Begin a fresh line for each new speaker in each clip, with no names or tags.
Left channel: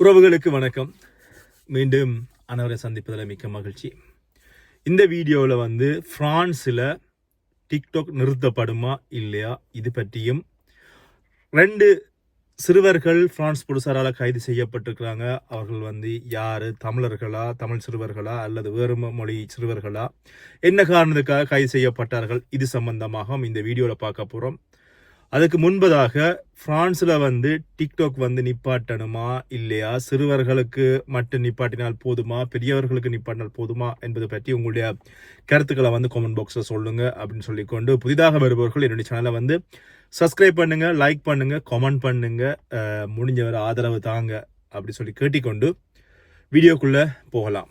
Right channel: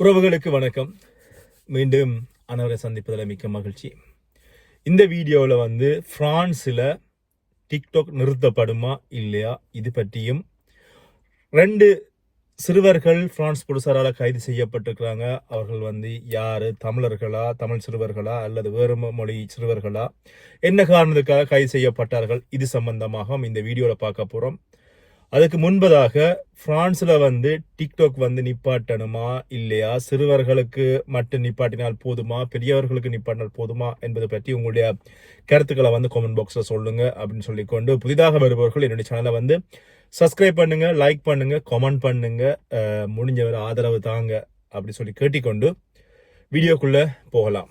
உறவுகளுக்கு வணக்கம். மீண்டும் அனைவரை சந்திப்பதில் மிக்க மகிழ்ச்சி. இந்த வீடியோவில் வந்து ஃப்ரான்ஸில் டிக்டாக் நிறுத்தப்படுமா இல்லையா இது பற்றியும் ரெண்டு சிறுவர்கள் ஃப்ரான்ஸ் போலீசாரால் கைது செய்யப்பட்டிருக்கிறாங்க. அவர்கள் வந்து யார் தமிழர்களா தமிழ் சிறுவர்களா அல்லது வேறு மொழி சிறுவர்களா என்ன காரணத்துக்காக கைது செய்யப்பட்டார்கள் இது சம்பந்தமாக இந்த வீடியோவில் பார்க்க போகிறோம். அதுக்கு முன்பதாக பிரான்ஸ்ல வந்து டிக்டாக் வந்து நிப்பாட்டணுமா இல்லையா? சிறுவர்களுக்கு மட்டும் நிப்பாட்டினால் போதுமா? பெரியவர்களுக்கு நிப்பாட்டினால் போதுமா? என்பது பற்றி உங்களுடைய கருத்துக்களை வந்து கமெண்ட் பாக்ஸில் சொல்லுங்கள் அப்படின்னு சொல்லிக்கொண்டு புதிதாக வருபவர்கள் என்னுடைய சேனலை வந்து சப்ஸ்கிரைப் பண்ணுங்கள் லைக் பண்ணுங்கள் கமெண்ட் பண்ணுங்கள் முடிஞ்சவர் முடிஞ்சவரை ஆதரவு தாங்க அப்படி சொல்லி கேட்டிக்கொண்டு வீடியோக்குள்ளே போகலாம்.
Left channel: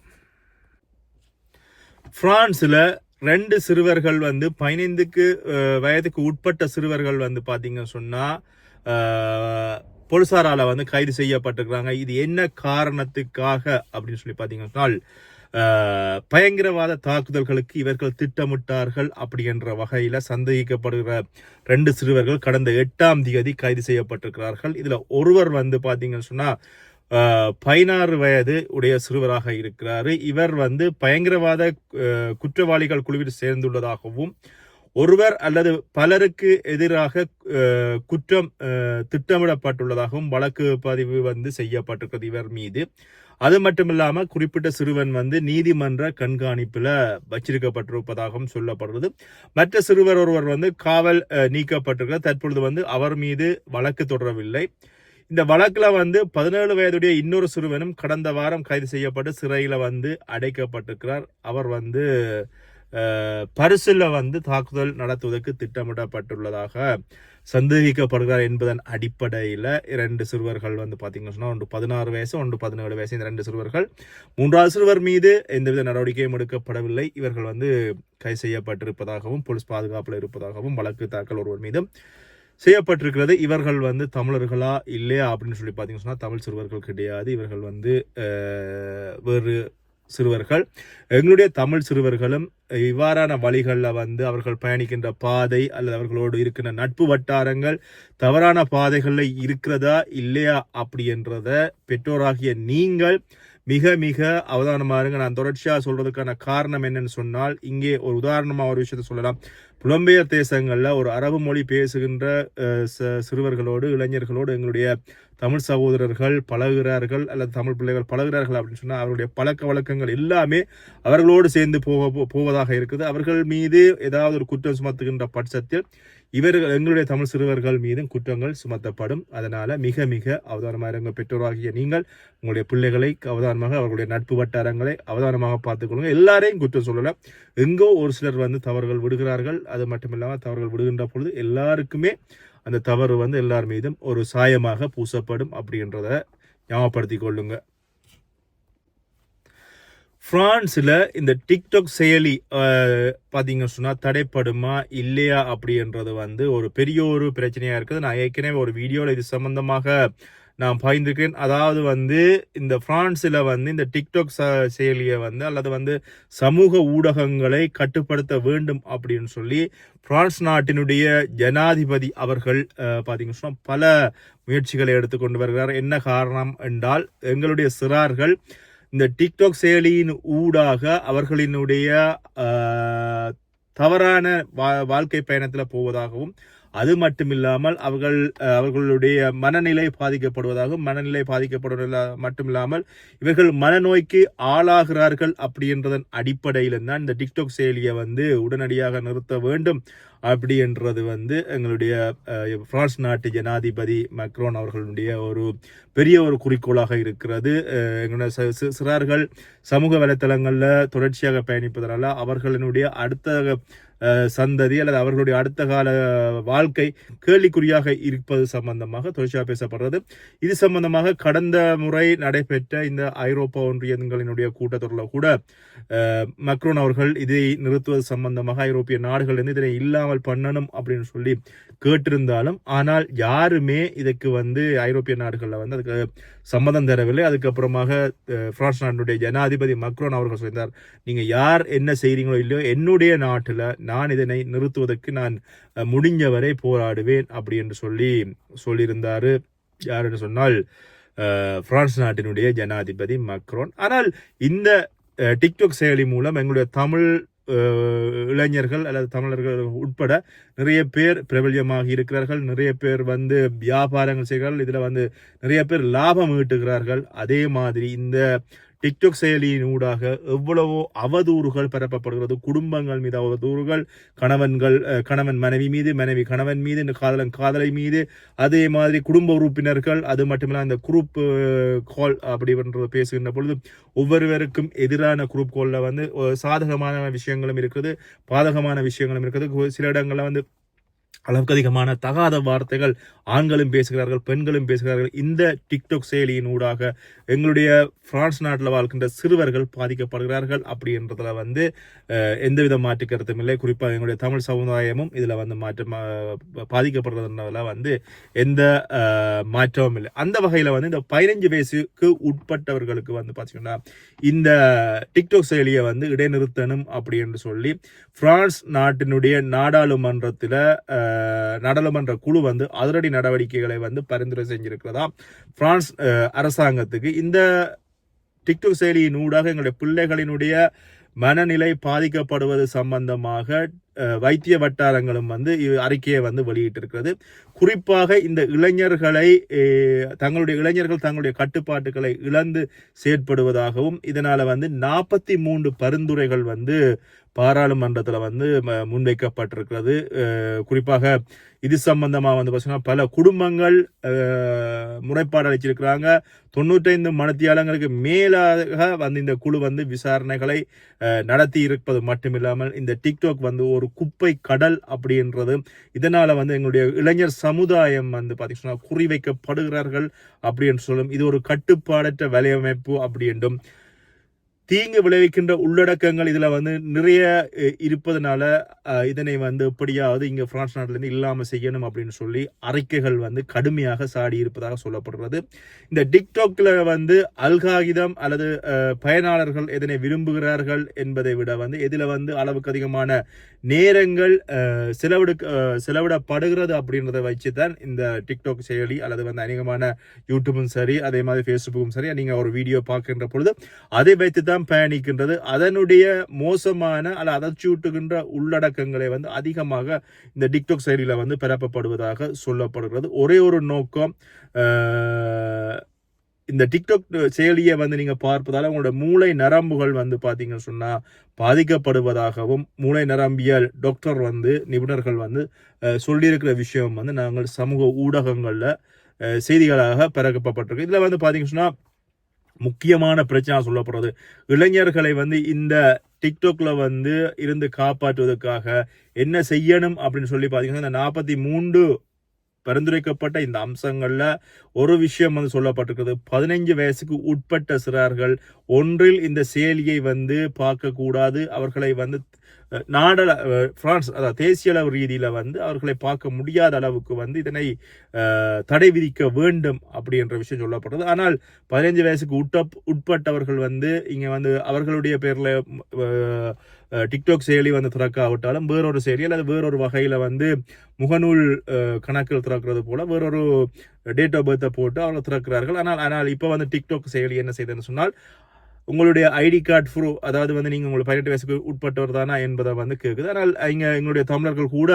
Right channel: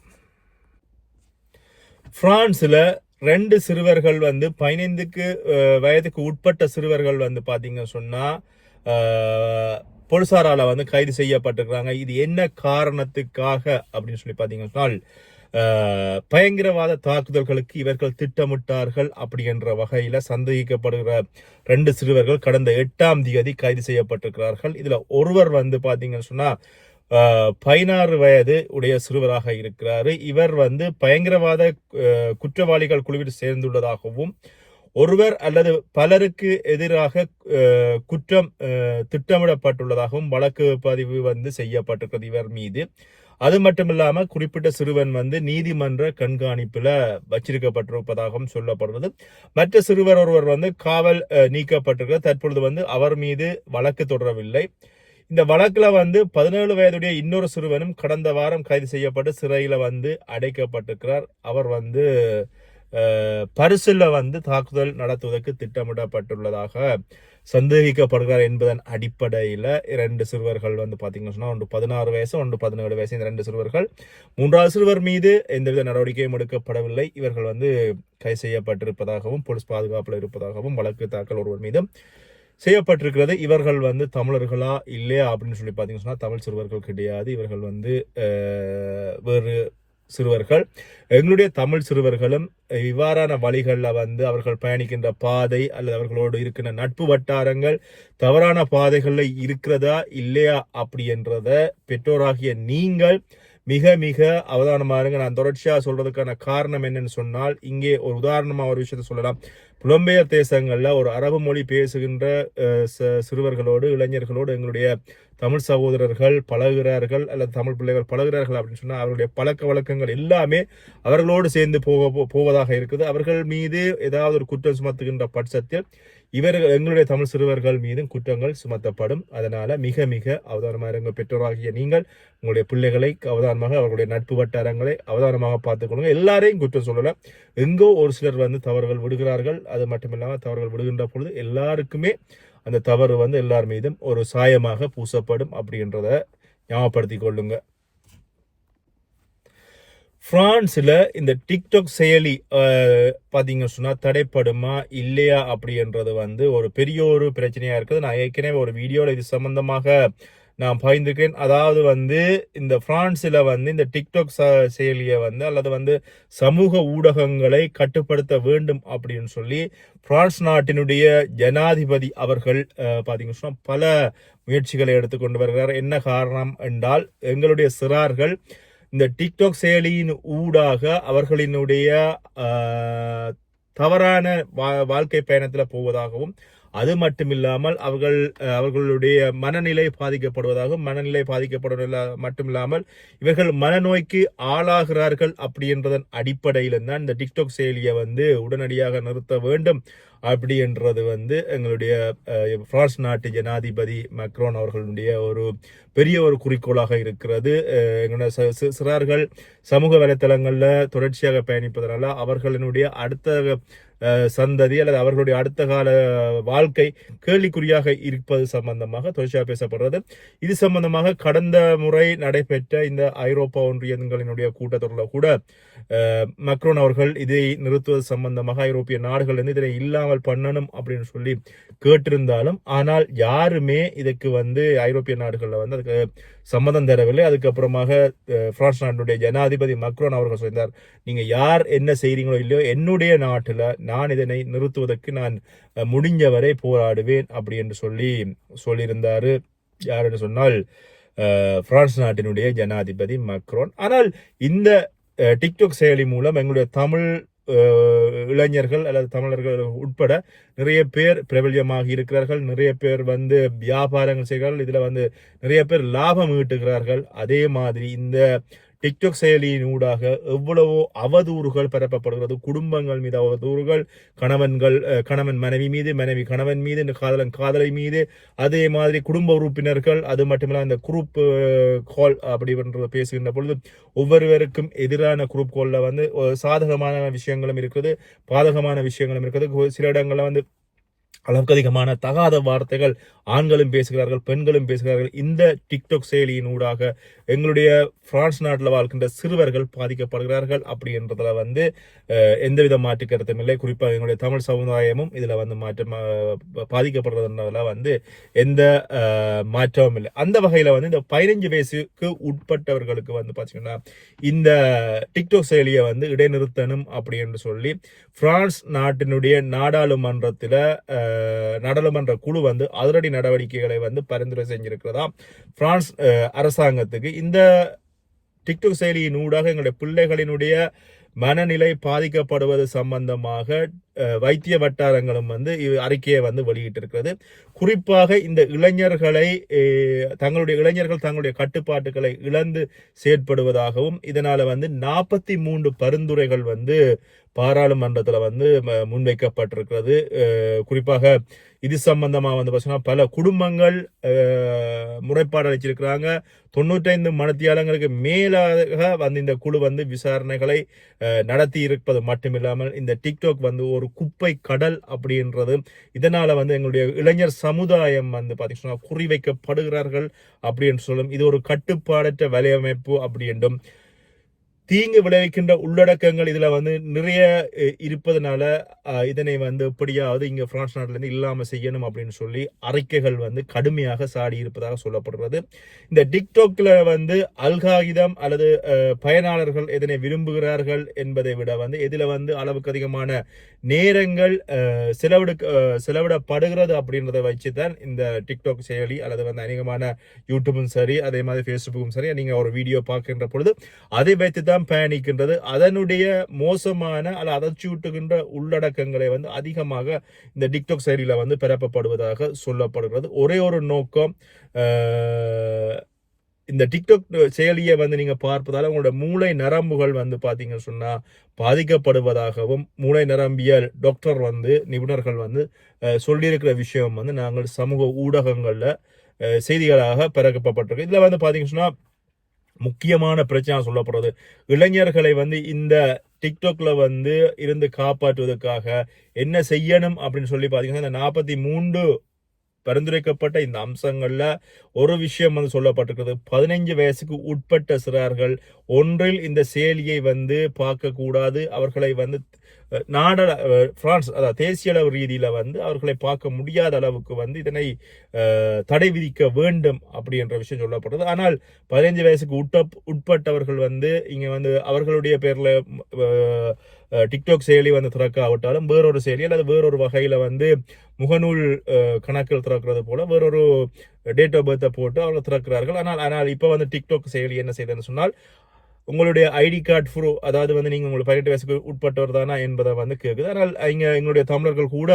ஃப்ரான்ஸில் ரெண்டு சிறுவர்கள் வந்து பதினைந்துக்கு வயதுக்கு உட்பட்ட சிறுவர்கள் வந்து பார்த்தீங்க சொன்னால் அஹ், வந்து கைது செய்யப்பட்டிருக்கிறாங்க. இது என்ன காரணத்துக்காக அப்படின்னு சொல்லி பார்த்தீங்கன்னா பயங்கரவாத தாக்குதல்களுக்கு இவர்கள் திட்டமிட்டார்கள் அப்படி என்ற சந்தேகிக்கப்படுகிற ரெண்டு சிறுவர்கள் கடந்த எட்டாம் தேதி கைது செய்யப்பட்டிருக்கிறார்கள். இதில் ஒருவர் வந்து பார்த்தீங்கன்னு சொன்னால் பதினாறு வயது உடைய சிறுவராக இருக்கிறார். இவர் வந்து பயங்கரவாத குற்றவாளிகள் குழுவில் சேர்ந்துள்ளதாகவும் ஒருவர் அல்லது பலருக்கு எதிராக குற்றம் திட்டமிடப்பட்டுள்ளதாகவும் வழக்கு பதிவு வந்து செய்யப்பட்டிருக்கிறது இவர் மீது. அது மட்டும் இல்லாமல் குறிப்பிட்ட சிறுவன் வந்து நீதிமன்ற கண்காணிப்பில் வச்சிருக்கப்பட்டிருப்பதாகவும் சொல்லப்படுறது மற்ற சிறுவர் ஒருவர் வந்து காவல் நீக்கப்பட்டிருக்கிறார் தற்பொழுது வந்து அவர் மீது வழக்கு தொடரவில்லை. இந்த வழக்கில் வந்து பதினேழு வயதுடைய இன்னொரு சிறுவனும் கடந்த வாரம் கைது செய்யப்பட்டு சிறையில் வந்து அடைக்கப்பட்டிருக்கிறார். அவர் வந்து பரிசில் வந்து தாக்குதல் நடத்துவதற்கு திட்டமிடப்பட்டுள்ளதாக சந்தேகிக்கப்படுகிறார் என்பதன் அடிப்படையில் இரண்டு சிறுவர்கள் வந்து பார்த்தீங்கன்னு சொன்னால் ஒன்று பதினாறு வயசு ஒன்று பதினேழு வயசு. இந்த ரெண்டு சிறுவர்கள் மூன்றாவது சிறுவர் மீது எந்தவித நடவடிக்கையும் எடுக்கப்படவில்லை. இவர்கள் வந்து கைது செய்யப்பட்டிருப்பதாகவும் போலீஸ் பாதுகாப்பில் இருப்பதாகவும் வழக்கு தாக்கல் ஒருவர் மீதும் செய்யப்பட்டிருக்கிறது. இவர்கள் வந்து தமிழர்களா இல்லையா அப்படின்னு சொல்லி பார்த்தீங்கன்னு சொன்னால் தமிழ் சிறுவர்கள் கிடையாது. இவர்கள் வந்து வேறு சிறுவர்கள். எங்களுடைய தமிழ் சிறுவர்களும் இவ்வாறான வழிகளில் வந்து அவர்கள் பயணிக்கின்ற பாதை அல்லது அவர்களோடு இருக்கின்ற நட்பு வட்டாரங்கள் தவறான பாதைகளில் இருக்கிறதா இல்லையா அப்படி என்றத பெற்றோராகிய நீங்கள் மிக மிக அவதானமா இருங்க. நான் தொடர்ச்சியாக சொல்கிறதுக்கான காரணம் என்னன்னு சொன்னால் இங்கே ஒரு உதாரணமாக ஒரு விஷயத்தை சொல்லலாம். புலம்பெயர் தேசங்களில் ஒரு அரபு மொழி பேசுகின்ற ச- சிறுவர்களோடு இளைஞர்களோடு எங்களுடைய தமிழ் சகோதரர்கள் பழகுகிறார்கள் அல்லது தமிழ் பிள்ளைகள் பழகிறார்கள் அப்படின்னு சொன்னால் அவருடைய பழக்க வழக்கங்கள் எல்லாமே அவர்களோடு சேர்ந்து போக போவதாக இருக்குது. அவர்கள் மீது ஏதாவது ஒரு குற்றம் சுமத்துகின்ற பட்சத்தில் இவர்கள் எங்களுடைய தமிழ் சிறுவர்கள் மீதும் குற்றங்கள் சுமத்தப்படும். அதனால் மிக மிக அவதானமாக இருங்க பெற்றோராகிய நீங்கள் உங்களுடைய பிள்ளைகளை அவதானமாக அவர்களுடைய நட்பு வட்டாரங்களை அவதானமாக பார்த்துக்கொள்ளுங்க எல்லாரையும் குற்றம் சொல்லலை. எங்கோ ஒரு சிலர் வந்து தவறுகள் விடுகிறார்கள். அது மட்டும் இல்லாமல் தவறுகள் விடுகின்ற பொழுது எல்லாருக்குமே அந்த தவறு வந்து எல்லார் மீதும் ஒரு சாயமாக பூசப்படும் அப்படின்றத ஞாபகப்படுத்தி கொள்ளுங்க. ஃப்ரான்ஸில் இந்த டிக்டாக் செயலி பார்த்தீங்கன்னு சொன்னால் தடைப்படுமா இல்லையா அப்படின்றது வந்து ஒரு பெரிய ஒரு பிரச்சனையாக இருக்குது. நான் ஏற்கனவே ஒரு வீடியோவில் இது சம்மந்தமாக நான் பகிர்ந்திருக்கேன் அதாவது வந்து இந்த ஃப்ரான்ஸில் வந்து இந்த டிக்டாக் ச- செயலியை வந்து அல்லது வந்து சமூக ஊடகங்களை கட்டுப்படுத்த வேண்டும் அப்படின்னு சொல்லி பிரான்ஸ் நாட்டினுடைய ஜனாதிபதி அவர்கள் அஹ், சொன்னா பல முயற்சிகளை எடுத்துக்கொண்டு வருகிறார். என்ன காரணம் என்றால் எங்களுடைய சிறார்கள் இந்த டிக்டாக் செயலியின் ஊடாக அவர்களினுடைய தவறான வா- வாழ்க்கை பயணத்தில் போவதாகவும் அது மட்டுமில்லாமல் அவர்கள் அவர்களுடைய மனநிலை பாதிக்கப்படுவதாகவும் மனநிலை பாதிக்கப்படுவதில் மட்டுமில்லாமல் இவர்கள் மனநோய்க்கு ஆளாகிறார்கள் அப்படின்றதன் அடிப்படையில் தான் இந்த டிக்டாக் செயலியை வந்து உடனடியாக நிறுத்த வேண்டும் அப்படி என்றது வந்து எங்களுடைய பிரான்ஸ் நாட்டு ஜனாதிபதி மக்ரோன் அவர்களுடைய ஒரு பெரிய ஒரு குறிக்கோளாக இருக்கிறது. எங்களுடைய சிறார்கள் சமூக வலைத்தளங்களில் தொடர்ச்சியாக பயணிப்பதனால அவர்களினுடைய அடுத்த சந்ததி அல்லது அவர்களுடைய அடுத்த கால வாழ்க்கை கேள்விக்குறியாக இருப்பது சம்பந்தமாக தொழிற்சா பேசப்படுறது. இது சம்பந்தமாக கடந்த முறை நடைபெற்ற இந்த ஐரோப்பா ஒன்றியங்களினுடைய கூட்டத்தொடரில் கூட மக்ரோன் அவர்கள் இதை நிறுத்துவது சம்பந்தமாக ஐரோப்பிய நாடுகள் வந்து இதனை இல்லாமல் பண்ணணும் அப்படின்னு சொல்லி கேட்டிருந்தாலும் ஆனால் யாருமே இதுக்கு வந்து ஐரோப்பிய நாடுகளில் வந்து அதுக்கு சம்மதம் தரவில்லை. அதுக்கப்புறமாக பிரான்ஸ் நாட்டினுடைய ஜனாதிபதி மக்ரோன் அவர்கள் சொல்லியிருந்தார் நீங்கள் யார் என்ன செய்கிறீங்களோ இல்லையோ என்னுடைய நாட்டில் நான் இதனை நிறுத்துவதற்கு நான் முடிஞ்சவரை போராடுவேன் அப்படி என்று சொல்லி சொல்லியிருந்தார். யார் என்று சொன்னால் பிரான்ஸ் நாட்டினுடைய ஜனாதிபதி மக்ரோன். ஆனால் இந்த டிக்டாக் செயலி மூலம் எங்களுடைய தமிழ் இளைஞர்கள் அல்லது தமிழர்கள் உட்பட நிறைய பேர் பிரபல்யமாகி இருக்கிறார்கள். நிறைய பேர் வந்து வியாபாரங்கள் செய்கிறார்கள். இதில் வந்து நிறைய பேர் லாபம் ஈட்டுகிறார்கள். அதே மாதிரி இந்த டிக்டாக் செயலியின் ஊடாக எவ்வளவோ அவதூறுகள் பரப்பப்படுகிறது. குடும்பங்கள் மீது அவதூறுகள் கணவன்கள் கணவன் மனைவி மீது மனைவி கணவன் மீது இந்த காதலன் காதலை மீது அதே மாதிரி குடும்ப உறுப்பினர்கள் அது மட்டுமில்ல அந்த குரூப் கால் அப்படின்றது பேசுகின்ற பொழுது ஒவ்வொருவருக்கும் எதிரான குரூப் காலில் வந்து சாதகமான விஷயங்களும் இருக்குது பாதகமான விஷயங்களும் இருக்குது. சில இடங்களில் வந்து அளவுக்கு அதிகமான தகாத வார்த்தைகள் ஆண்களும் பேசுகிறார்கள் பெண்களும் பேசுகிறார்கள். இந்த டிக்டாக் செயலியின் ஊடாக எங்களுடைய பிரான்ஸ் நாட்டில் வாழ்கின்ற சிறுவர்கள் பாதிக்கப்படுகிறார்கள் அப்படின்றதுல வந்து எந்தவித மாற்று கருத்தும் இல்லை. குறிப்பாக எங்களுடைய தமிழ் சமுதாயமும் இதில் வந்து மாற்றம் அஹ், பாதிக்கப்படுறதுன்றதுல வந்து எந்த மாற்றமும் இல்லை. அந்த வகையில் வந்து இந்த பதினஞ்சு வயசுக்கு உட்பட்டவர்களுக்கு வந்து பார்த்தீங்கன்னா இந்த டிக்டாக் செயலியை வந்து இடைநிறுத்தணும் அப்படின்னு சொல்லி பிரான்ஸ் நாட்டினுடைய நாடாளுமன்றத்தில் நாடாளுமன்ற குழு வந்து அதிரடி நடவடிக்கைகளை வந்து பரிந்துரை செஞ்சிருக்கிறதா? பிரான்ஸ் அரசாங்கத்துக்கு. இந்த டிக்டாக் செயலியின் ஊடாக எங்களுடைய பிள்ளைகளினுடைய மனநிலை பாதிக்கப்படுவது சம்பந்தமாக வைத்திய வட்டாரங்களும் வந்து அறிக்கையை வந்து வெளியிட்டிருக்கிறது. குறிப்பாக இந்த இளைஞர்களை தங்களுடைய இளைஞர்கள் தங்களுடைய கட்டுப்பாட்டுகளை இழந்து செயற்படுவதாகவும் இதனால் வந்து நாற்பத்தி மூன்று பரிந்துரைகள் வந்து பாராளுமன்றத்தில் வந்து ம- முன்வைக்கப்பட்டிருக்கிறது. குறிப்பாக இது சம்பந்தமாக வந்து பார்த்தீங்கன்னா பல குடும்பங்கள் முறைப்பாடு அளிச்சிருக்கிறாங்க. தொண்ணூற்றைந்து மனத்தியாளங்களுக்கு மேலாக வந்து இந்த குழு வந்து விசாரணைகளை நடத்தி இருப்பது மட்டுமில்லாமல் இந்த டிக்டாக் வந்து ஒரு குப்பை கடல் அப்படின்றது. இதனால் வந்து எங்களுடைய இளைஞர் சமுதாயம் வந்து பார்த்தீங்கன்னா குறிவைக்கப்படுகிறார்கள் அப்படின்னு சொல்லும். இது ஒரு கட்டுப்பாடற்ற வலையமைப்பு அப்படி என்றும் தீங்கு விளைவிக்கின்ற உள்ளடக்கங்கள் இதில் வந்து நிறைய இருப்பதனால இதனை வந்து எப்படியாவது இங்கே பிரான்ஸ் நாட்டிலேருந்து இல்லாமல் செய்யணும் அப்படின்னு சொல்லி அறிக்கைகள் வந்து கடுமையாக சாடி இருப்பதாக சொல்லப்படுறது இந்த டிக்டாக்ல வந்து அல்காகிதம் அல்லது பயனாளர்கள் எதனை விரும்புகிறார்கள் என்பதை விட வந்து இதில் வந்து அளவுக்கு அதிகமான நேரங்கள் செலவிடு செலவிடப்படுகிறது அப்படின்றத வச்சு தான் இந்த டிக்டாக் செயலி அல்லது வந்து அநேகமான யூடியூபும் சரி அதே மாதிரி ஃபேஸ்புக்கும் சரி நீங்கள் ஒரு வீடியோ பார்க்கின்ற பொழுது அதை வைத்து தான் பயணிக்கின்றது. அதனுடைய மோசமான அல்ல அதச்சூட்டுகின்ற உள்ளடக்கங்களை வந்து அதிகமாக இந்த டிக்டாக் செயலியில் வந்து பரப்பப்படுவதாக சொல்லப்படுகிறது. ஒரே ஒரு நோக்கம் இந்த டிக்டாக் செயலியை வந்து நீங்கள் பார்ப்பதால் உங்களோட மூளை நரம்புகள் வந்து பார்த்தீங்கன்னு சொன்னால் பாதிக்கப்படுவதாகவும் மூளை நரம்பியல் டாக்டர் வந்து நிபுணர்கள் வந்து சொல்லியிருக்கிற விஷயம் வந்து நாங்கள் சமூக ஊடகங்களில் செய்திகளாக பிறக்கப்பட்டிருக்கோம் இதில் வந்து பார்த்தீங்கன்னு சொன்னால் முக்கியமான பிரச்சனை சொல்லப்படுறது இளைஞர்களை வந்து இந்த டிக்டாக்ல வந்து இருந்து காப்பாற்றுவதற்காக என்ன செய்யணும் அப்படின்னு சொல்லி பார்த்தீங்கன்னா இந்த நாற்பத்தி மூன்று பரிந்துரைக்கப்பட்ட இந்த அம்சங்களில் ஒரு விஷயம் வந்து சொல்லப்பட்டிருக்கிறது. பதினைஞ்சு வயசுக்கு உட்பட்ட சிறார்கள் ஒன்றில் இந்த செயலியை வந்து பார்க்கக்கூடாது. அவர்களை வந்து அஹ், நாட பிரான்ஸ் அதாவது தேசிய அளவு ரீதியில் வந்து அவர்களை பார்க்க முடியாத அளவுக்கு வந்து இதனை தடை விதிக்க வேண்டும் அப்படி என்ற விஷயம் சொல்லப்படுறது ஆனால் பதினைஞ்சு வயசுக்கு உட்ட உட்பட்டவர்கள் வந்து இங்கே வந்து அவர்களுடைய பேரில் டிக்டாக் செயலி வந்து திறக்காவிட்டாலும் வேறொரு செயலி அல்லது வேறொரு வகையில் வந்து முகநூல் கணக்கில் திறக்கிறது போல வேறொரு டேட் ஆஃப் பர்த்தை போட்டு அவர்கள் திறக்கிறார்கள். ஆனால் ஆனால் இப்போ வந்து டிக்டாக் செயலி என்ன செய்ததுன்னு சொன்னால் உங்களுடைய ஐடி கார்டு ப்ரூ அதாவது வந்து நீங்கள் உங்களை பதினெட்டு வயசுக்கு உட்பட்டவர் தானா என்பதை வந்து கேட்குது ஆனால் இங்கே எங்களுடைய தமிழர்கள் கூட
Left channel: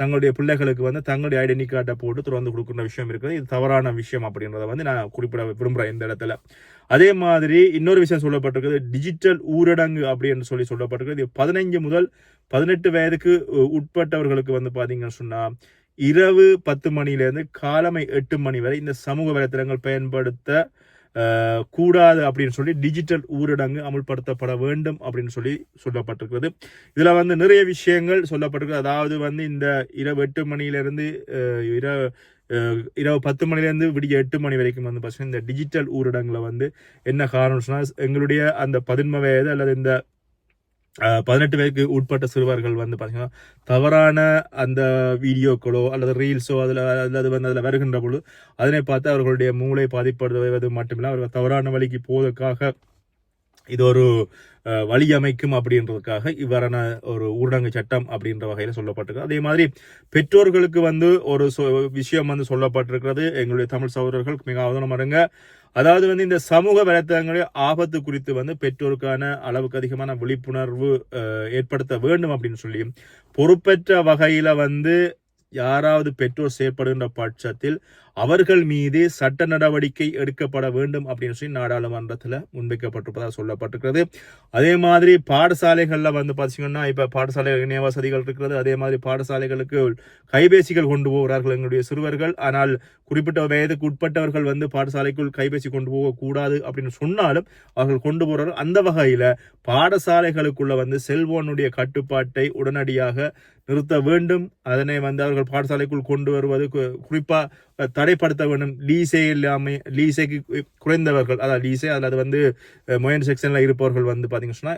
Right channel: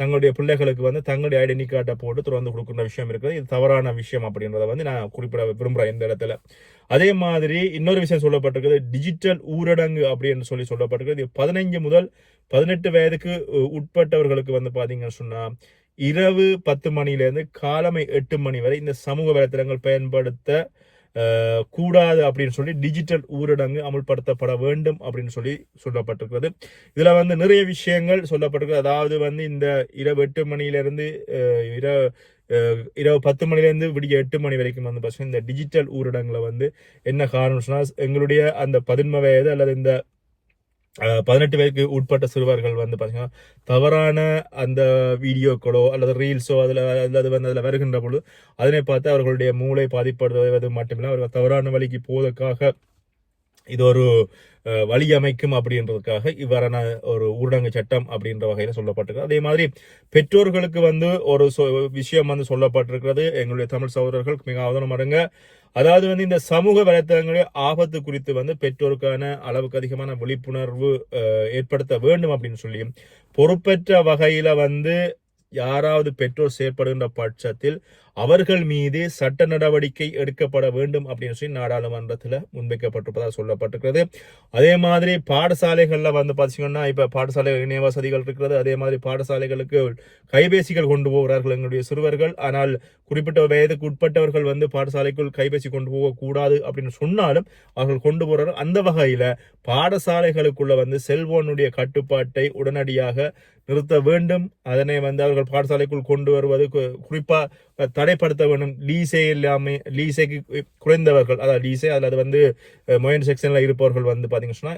தங்களுடைய பிள்ளைகளுக்கு வந்து தங்களுடைய ஐடென்டி கார்டை போட்டு திறந்து கொடுக்குற விஷயம் இருக்குது. இது தவறான விஷயம் அப்படின்றத வந்து நான் குறிப்பிட விரும்புகிறேன் இந்த இடத்துல. அதே மாதிரி இன்னொரு விஷயம் சொல்லப்பட்டிருக்குது டிஜிட்டல் ஊரடங்கு அப்படின்னு சொல்லி சொல்லப்பட்டிருக்குது. இது பதினைஞ்சு முதல் பதினெட்டு வயதுக்கு உ- உட்பட்டவர்களுக்கு வந்து பார்த்தீங்கன்னு சொன்னால் இரவு பத்து மணிலேருந்து காலமை எட்டு மணி வரை இந்த சமூக வலைத்தளங்கள் பயன்படுத்த கூடாது அப்படின்னு சொல்லி டிஜிட்டல் ஊரடங்கு அமல்படுத்தப்பட வேண்டும் அப்படின்னு சொல்லி சொல்லப்பட்டிருக்கிறது. இதில் வந்து நிறைய விஷயங்கள் சொல்லப்பட்டிருக்கு. அதாவது வந்து இந்த இரவு எட்டு மணியிலிருந்து இர இரவு இரவு பத்து மணிலேருந்து விடிய எட்டு மணி வரைக்கும் வந்து பார்த்தீங்கன்னா இந்த டிஜிட்டல் ஊரடங்குல வந்து என்ன காரணம் சொன்னால் எங்களுடைய அந்த பதின்ம வயது அல்லது இந்த பதினெட்டு வயதுக்கு உட்பட்ட சிறுவர்கள் வந்து பார்த்தீங்கன்னா தவறான அந்த வீடியோக்களோ அல்லது ரீல்ஸோ அதில் அல்லது வந்து அதில் வருகின்ற பொழுது அதனை பார்த்து அவர்களுடைய மூளை பாதிப்படுவது மட்டுமில்லை அவர்கள் தவறான வழிக்கு போவதற்காக இது ஒரு வழியமைக்கும் வழி அமைக்கும் அப்படின்றதுக்காக இவ்வாறான ஒரு ஊரடங்கு சட்டம் அப்படின்ற வகையில் சொல்லப்பட்டிருக்கு. அதே மாதிரி பெற்றோர்களுக்கு வந்து ஒரு விஷயம் வந்து சொல்லப்பட்டிருக்கிறது. எங்களுடைய தமிழ் சகோதரர்கள் மிக அவதானம் அடங்க. அதாவது வந்து இந்த சமூக வலைத்தளங்களில் ஆபத்து குறித்து வந்து பெற்றோருக்கான அளவுக்கு அதிகமான விழிப்புணர்வு ஏற்படுத்த வேண்டும் அப்படின்னு சொல்லி பொறுப்பற்ற வகையில் வந்து யாராவது பெற்றோர் செயற்படுகின்ற பட்சத்தில் அவர்கள் மீது சட்ட நடவடிக்கை எடுக்கப்பட வேண்டும் அப்படின்னு சொல்லி நாடாளுமன்றத்தில் முன்வைக்கப்பட்டிருப்பதாக சொல்லப்பட்டிருக்கிறது. அதே மாதிரி பாடசாலைகளில் வந்து பார்த்தீங்கன்னா இப்போ பாடசாலை இணைய வசதிகள் இருக்கிறது. அதே மாதிரி பாடசாலைகளுக்கு கைபேசிகள் கொண்டு போகிறார்கள் எங்களுடைய சிறுவர்கள். ஆனால் குறிப்பிட்ட வயதுக்கு உட்பட்டவர்கள் வந்து பாடசாலைக்குள் கைபேசி கொண்டு போகக்கூடாது அப்படின்னு சொன்னாலும் அவர்கள் கொண்டு போகிறார்கள் அந்த வகையில் பாடசாலைகளுக்குள்ள வந்து செல்போனுடைய கட்டுப்பாட்டை உடனடியாக நிறுத்த வேண்டும். அதனை வந்து அவர்கள் பாடசாலைக்குள் கொண்டு வருவது கு- தடை தடைப்படுத்த வேண்டும். லீசே இல்லாமல் லீசேக்கு குறைந்தவர்கள் அதாவது லீசே அல்லது வந்து மொயன் செக்ஷனில் இருப்பவர்கள் வந்து பார்த்தீங்கன்னு சொன்னா,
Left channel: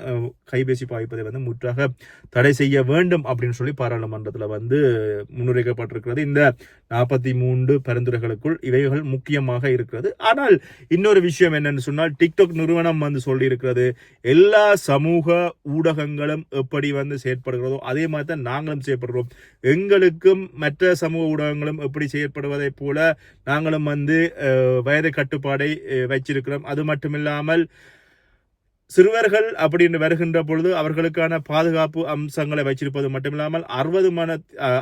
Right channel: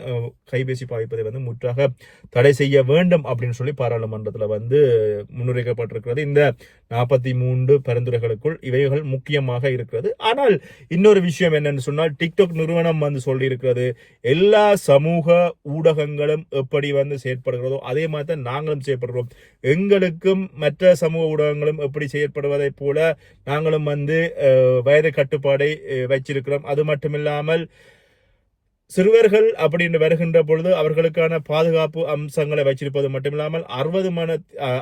கைபேசி பாய்ப்பதை வந்து முற்றாக தடை செய்ய வேண்டும் அப்படின்னு சொல்லி பாராளுமன்றத்தில் வந்து முன்னுரைக்கப்பட்டிருக்கிறது. இந்த நாற்பத்தி மூன்று பரிந்துரைகளுக்குள் இவைகள் முக்கியமாக இருக்கிறது. ஆனால் இன்னொரு விஷயம் என்னன்னு சொன்னால் டிக்டாக் நிறுவனம் வந்து சொல்லியிருக்கிறது எல்லா சமூக ஊடகங்களும் எப்படி வந்து செயற்படுகிறதோ அதே மாதிரி தான் நாங்களும் செயற்படுகிறோம். எங்களுக்கும் மற்ற சமூக ஊடகங்களும் எப்படி செயற்படுவதைப் போல நாங்களும் வந்து வயது கட்டுப்பாடை வச்சிருக்கிறோம். அது மட்டுமில்லாமல் சிறுவர்கள் அப்படின்னு வருகின்ற பொழுது அவர்களுக்கான பாதுகாப்பு அம்சங்களை வச்சிருப்பது மட்டுமில்லாமல் அறுபது மண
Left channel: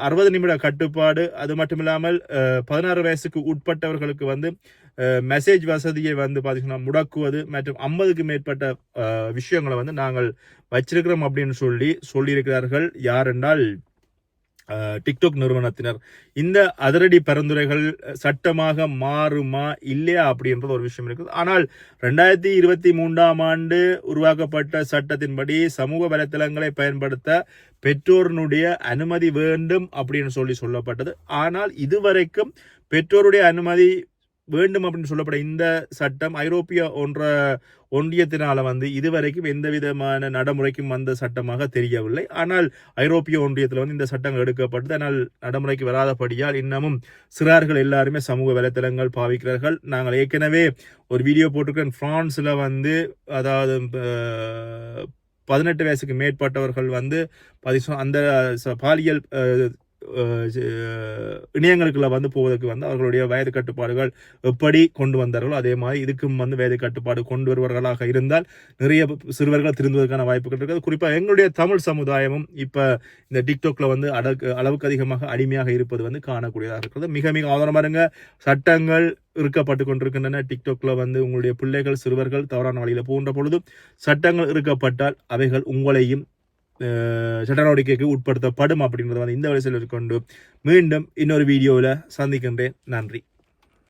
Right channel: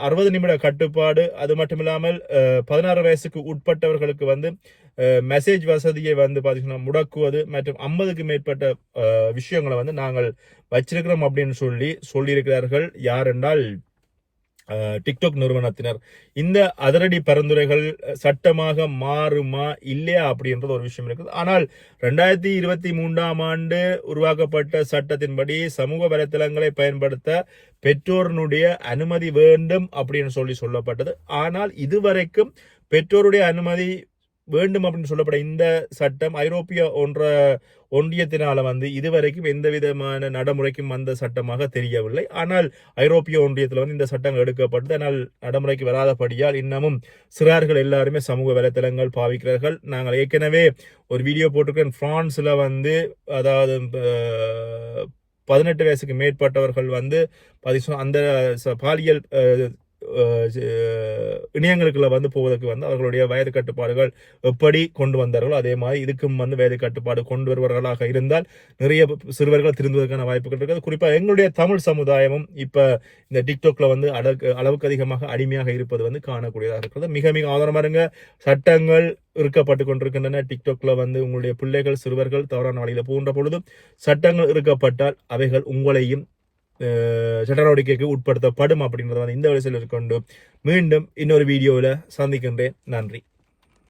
அறுபது நிமிட கட்டுப்பாடு அது மட்டுமில்லாமல் பதினாறு வயசுக்கு உட்பட்டவர்களுக்கு வந்து மெசேஜ் வசதியை வந்து பார்த்தீங்கன்னா முடக்குவது மற்றும் ஐம்பதுக்கு மேற்பட்ட விஷயங்களை வந்து நாங்கள் வச்சிருக்கிறோம் அப்படின்னு சொல்லி சொல்லியிருக்கிறார்கள். யார் என்றால் டிக்டாக் நிறுவனத்தினர் இந்த அதிரடி பரிந்துரைகள் சட்டமாக மாறுமா இல்லையா அப்படின்றது ஒரு விஷயம் இருக்குது. ஆனால் ரெண்டாயிரத்தி இருபத்தி மூன்றாம் ஆண்டு உருவாக்கப்பட்ட சட்டத்தின்படி சமூக வலைத்தளங்களை பயன்படுத்த பெற்றோரினுடைய அனுமதி வேண்டும் அப்படின்னு சொல்லி சொல்லப்பட்டது. ஆனால் இதுவரைக்கும் பெற்றோருடைய அனுமதி வேண்டும் அப்படின்னு சொல்லப்பட இந்த சட்டம் ஐரோப்பிய ஒன்ற ஒன்றியத்தினால வந்து இதுவரைக்கும் எந்த விதமான நடைமுறைக்கும் வந்த சட்டமாக தெரியவில்லை. ஆனால் ஐரோப்பிய ஒன்றியத்தில் வந்து இந்த சட்டங்கள் எடுக்கப்பட்டது. ஆனால் நடைமுறைக்கு வராதபடியால் இன்னமும் சிறார்கள் எல்லாருமே சமூக வலைத்தளங்கள் பாவிக்கிறார்கள். நாங்கள் ஏற்கனவே ஒரு வீடியோ போட்டிருக்கிறேன். ஃப்ரான்ஸில் வந்து அதாவது பதினெட்டு வயசுக்கு மேற்பட்டவர்கள் வந்து பாத்தீங்கன்னா அந்த ச- பாலியல் இணையங்களுக்குள்ள வந்து போவதற்கு வந்து அவர்களுடைய வயது கட்டுப்பாடுகள் எப்படி கொண்டு வந்தார்களோ அதே மாதிரி இதுக்கும் வந்து வயது கட்டுப்பாடு கொண்டு வருபவர்களாக இருந்தால் நிறைய சிறுவர்கள் திருந்துவதற்கான வாய்ப்புகள் இருக்குது. குறிப்பாக எங்களுடைய தமிழ் சமுதாயமும் இப்போ இந்த டிக்டாக்ல வந்து அடக்கு அளவுக்கு அதிகமாக அடிமையாக இருப்பது வந்து காணக்கூடியதாக இருக்கிறது. மிக மிக ஆதாரமாக இருங்க. சட்டங்கள் இருக்கப்பட்டு கொண்டிருக்கின்றன. டிக்டாக்ல வந்து உங்களுடைய பிள்ளைகள் சிறுவர்கள் தவறான வழியில் போகின்ற பொழுது சட்டங்கள் இருக்கப்பட்டால் அவைகள் உங்களையும் சட்ட நடவடிக்கைக்கு உட்படுத்தப்படும் அப்படின்றத வந்து இந்த வயசில் கொண்டு மீண்டும் இன்னொரு வீடியோவில் சந்திக்கின்றேன். நன்றி.